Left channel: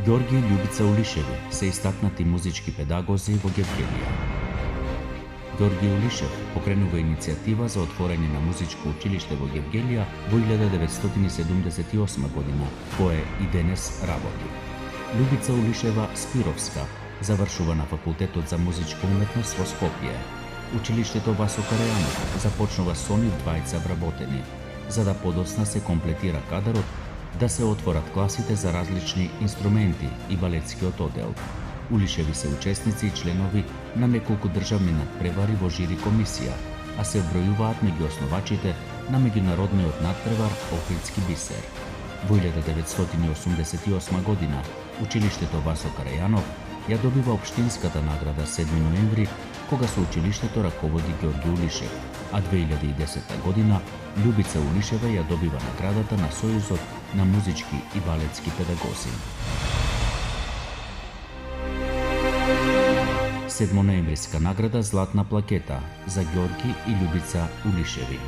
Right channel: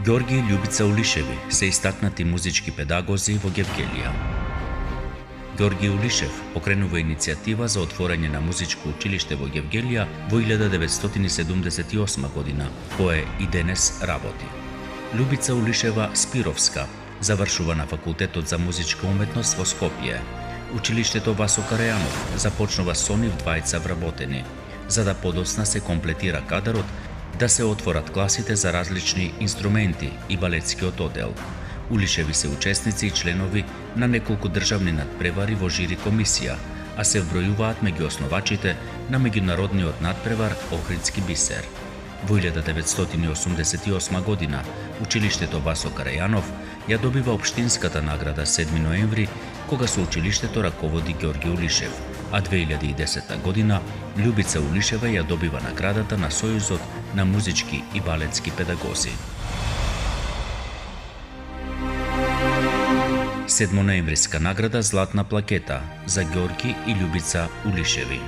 Ѓорги и Љубица Улишеви се истакнати музички педагози во Гевгелија. Ѓорги Улишев покренува иницијатива за отворање на музичко училиште во Гевгелија во 1978 година, кое и денес работи. Љубица Улишева Спировска завршува на Факултетот за музичка уметност во Скопје. Училиштето Васо Карајанов започнува со нив двајца вработени, за да подоцна се комплетира кадарот да се отворат класите за различни инструменти и балетскиот оддел. Улишеви се учесници и членови на неколку државни надпревари во жири комисија, а се вбројуваат меѓу основачите на меѓународниот надпревар Охридски бисер. Во 1988 година училиштето Васо Карајанов ја добива општинската награда 7 ноември, кога со училиштето раководи Ѓорги Улишев, а 2010 година Љубица Улишева ја добива наградата на Сојузот на музички и балетски педагози. 7 ноемвриска награда Златна плакета за Ѓорги и Љубица Улишеви.